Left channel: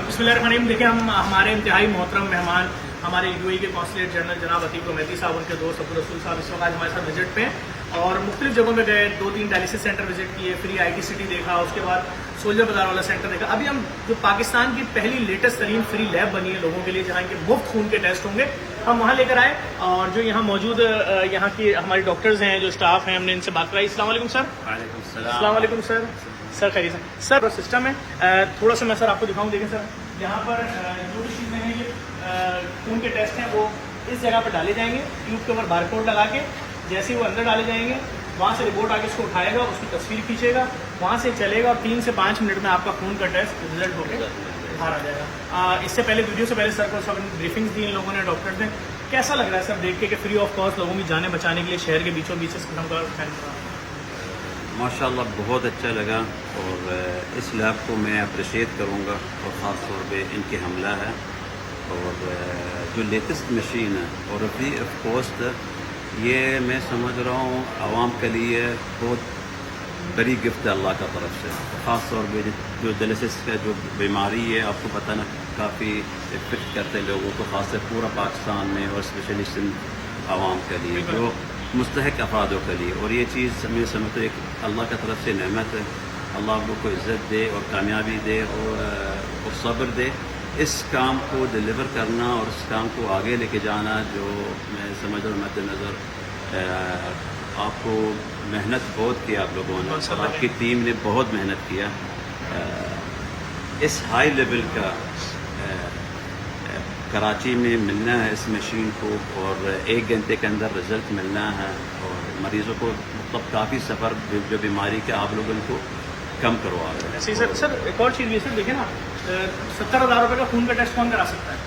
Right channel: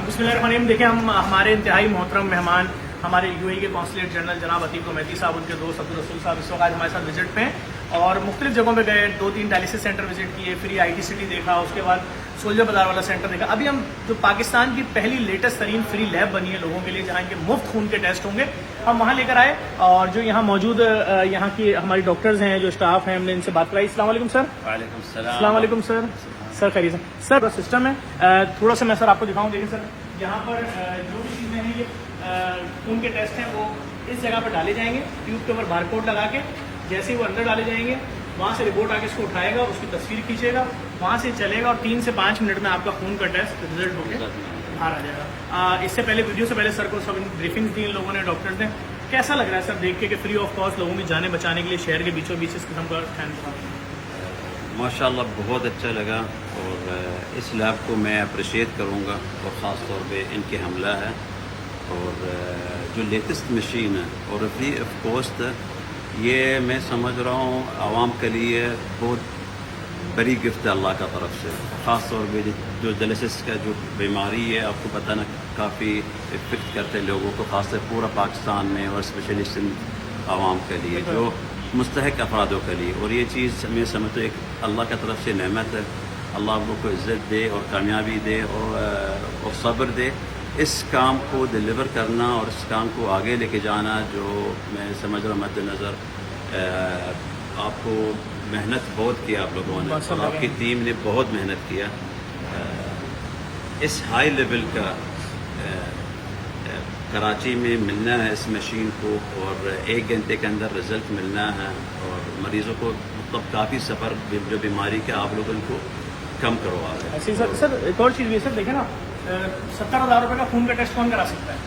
बिस्मिल्लाहिर्रहमानिर्रहीम। देखिए, हम हमारे इंतहाई मोहतरम मेहमान हमारे यूएई के कॉन्सुलेट जनरल जनाब अतीक मेहदी साहब, उनके दोस्त अब्दुल रसूल साहब इस वक्त आज हमारे साथ विजिट पे हैं और मुख्तलिफ जगहों पे गए, 2-3 डायलिसिस सेंटर विजिट किए, फ्री IT सिटी देखा, उसके बाद सोल्जर बाजार वाला सेंटर देखा। अभी हम जो पाकिस्तान की पहली लेटेस्ट तरीन फ्री लैब बनी है लोगों के लिए, जहाँ के मुफ्त खून के टेस्ट होंगे, हम वहाँ लेकर आए और जो यहाँ मौजूद यहाँ की हमारी डॉक्टर्स हैं, जो स्टाफ हैं, हमने इनसे बात कराई। अस्सलाम वालेकुम सर। अस्सलाम वालेकुम सर। सर खैरियत से सर, सिस्टम है थोड़ा सा मैं सर आपको दिखाऊँ। देखें सर, यहाँ पर जो भी चीज़ें हैं, ये खून के टेस्ट हैं, वो इस जगह पर डाले जाएंगे, ट्यूब के ऊपर बारकोड लगा के। जैसे ही वो अंदर डाले जाएंगे, वहाँ से रिपोर्ट आके उसको उठाएगा, उसकी तस्वीर खींचेगा, वहाँ से चलेगा और 3 से 5 मिनट में आपका खून का टेस्ट रिजल्ट होकर बाहर आ जाएगा। इससे पहले वीडियो से पहले सर को सब ब्रीफिंग दी लोगों ने, डॉक्टर्स ने। कैसा लग रहा है सर देख के कि फ्री ऑफ कॉस्ट लोगों की जानें बचाने के लिए शहर के बीचों बीच इस किस्म का? माशाल्लाह बहुत अच्छा लगा और इस लैब को मैं अप्रिशिएट करूँगा और ख़ास तौर पे इनके हमला है और जो लेटेस्ट मशीन है और फ्री ऑफ कॉस्ट, ये मैं समझ रहा हूँ आवाम के लिए बहुत बड़ी गिफ्ट है अल्लाह का तरफ से। ख़ास तौर पे जो डायलिसिस का जो बीमारी है, आपको पता ना काफ़ी इफेक्ट करते हैं लोगों को, ख़ास तौर पूरा पाकिस्तान में और स्पेशली सिंध आवाम के लिए, जो मुस्तहक अफरादों के लिए। और ये चीज़ मैं समझता हूँ एक अल्लाह की तरफ से नेमत है। अल्लाह आप लोग को इज़्ज़त दे और कामयाबी दे और सब्र दे इस काम को डिलीवर करना और इस काम को आगे लेके जाना, जो मैं समझ रहा हूँ मद्देनज़र आपको मेहनत बहुत की आप लोगों ने और आपकी टीम ने बहुत मेहनत किया। इस हाई लेवल का कराची में मिलना है इस मशीन को और 1 घंटे के अंदर रिजल्ट मिलना है और मरीजों को मतलब काफ़ी सफ़र जो बीमारी के आप लोगों को कम करवा रहे हैं। ऐसे सर एक और चीज़ ये सर देखें ना, 70,000 रुपये का खून का टेस्ट कौन करा सकता है?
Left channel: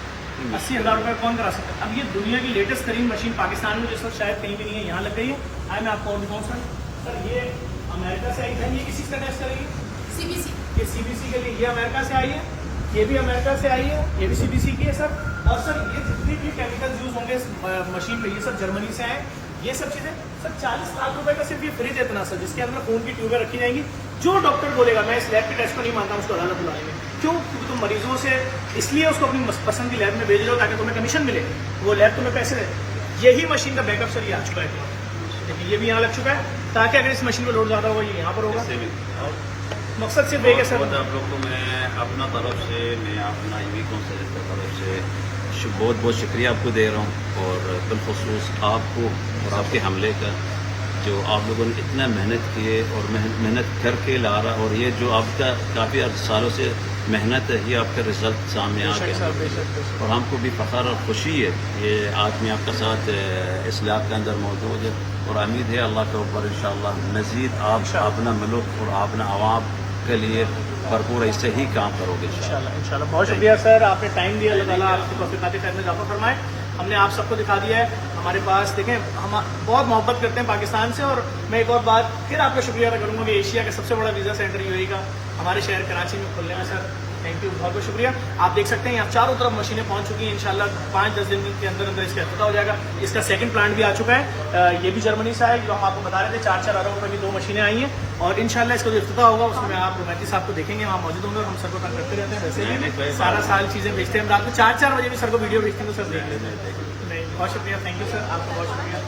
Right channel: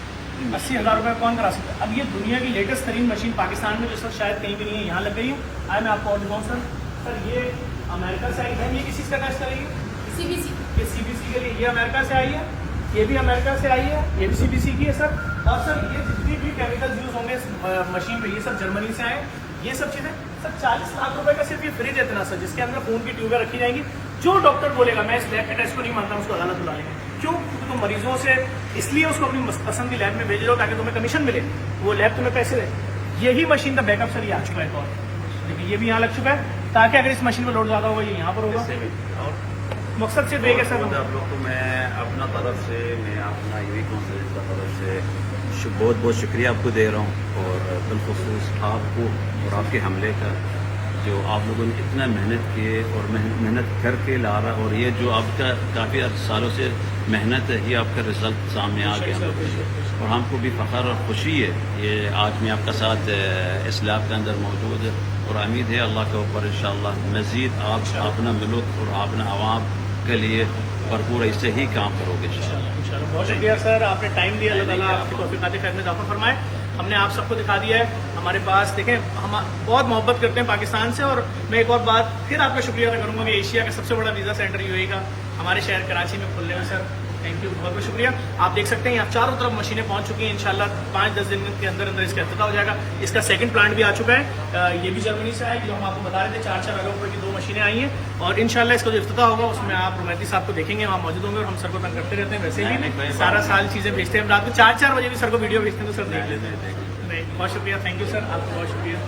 80,000 रुपये कौन करा सकता है? अब ये दुनिया की लेटेस्ट तरीन मशीन पाकिस्तान में, जो सर शायद कहीं भी नहीं है, यहाँ लग गई है। आए मैं आपको और दिखाऊँ सर। सर ये अमेरिका से आई है। ये किस चीज़ का टेस्ट करेगी? CBC के लिए ये अमेरिका से आई है, ये भी अमेरिका से आई है, ये भी CBC की है सर। और सर ये जितनी भी केमिकल यूज होंगे इस मशीन में, ये सब जर्मनी से आए। ये सब चीज़ें सर 40 लाख रुपए का सिर्फ ये फ्रिज इतना सर, जिसके अंदर खून की ट्यूबें रखी जाएंगी। जो डॉक्टर बोलेगा मैं इस लैब के टेस्ट को नहीं मानता, उसको अदालत बुला लेंगे। क्यों? क्योंकि तुम मरीजों से इसलिए उसको अपनी पसंद की लैब में भेज लो ताकि तुम्हें कमीशन मिले, वो लैब तुम्हें पैसे दे। यही मशीन का बैकअप सर ये आ चुका है, और ये भी यहाँ लग चुका है ताकि अगर इस मशीन में लोड ज़्यादा होगा ये यहाँ पर होगा। मकसद से देगा सर आप लोग को मैं अपना तरफ से, मैं अपना यूएई कॉन्सुलेट की तरफ से बहुत बहुत शुक्रिया आपको दे रहा हूँ और बिलखुसूस आपको और आपके हमले का, जो आप लोगों ने इतना मेहनत किए और मेहनत करके ला रहा, और ये जो आपका काफ़ी सालों से मेहनत है, ये आपका रिजल्ट सामने आ गया और हमको भी फ़ख्र और खुशी है ये आज मैं आपका साथ इस लैब के अंदर मौजूद है और उम्मीद है अल्लाह के ऊपर इंशाअल्लाह मज़ीद आप अपना मुल्क और अपना आवाम के लिए भरपूर ऐसे ही काम करोगे इंशाल्लाह। बहुत शुक्रिया सर, आपने टाइम दिया, अल्लाह आपकी तौफीक़ात खैर में इज़ाफ़ा फरमाए। हमने आप सबको दिखा दिया है हमारे पास। देखें, हम बहुत मोहब्बत करते हैं पाकिस्तान से। और मैं एक और बात फिर आपका शुक्रिया अदा करूँगा कि एशिया का सबसे बड़ा वीज़ा सेंटर यूएई का हमारे शहर कराची में खुलने में सर, थैंक यू, बहुत बहुत शुक्रिया। आप देख सकते हैं यहाँ चारों तरफ मशीनें पहुँच चुकी हैं। इंशाल्लाह 5-10 दिन के अंदर अंदर इसका इफ्तिताह हो जाएगा। इसका सेकंड प्लांट भी आ चुका है, ये भी जर्मनी से है, जो हम आपको बता रहे थे। 4-4 हज़ार रुपये की 2 मशीनें आई हैं और इंशाल्लाह इसका जो इफ्तिताह होगा उसमें आप रुमैती साहब को देखेंगे, वहाँ मौजूद होंगे। और हम सर को तंग करते रहते हैं वैसे भी, सारा साल चीज़ें भेजते हैं। रात को 4-4 बजे भी सर को वीडियो भेजते हैं तो सर देख लेते हैं। बहुत शुक्रिया, थैंक यू सर, आपको बहुत शुक्रिया।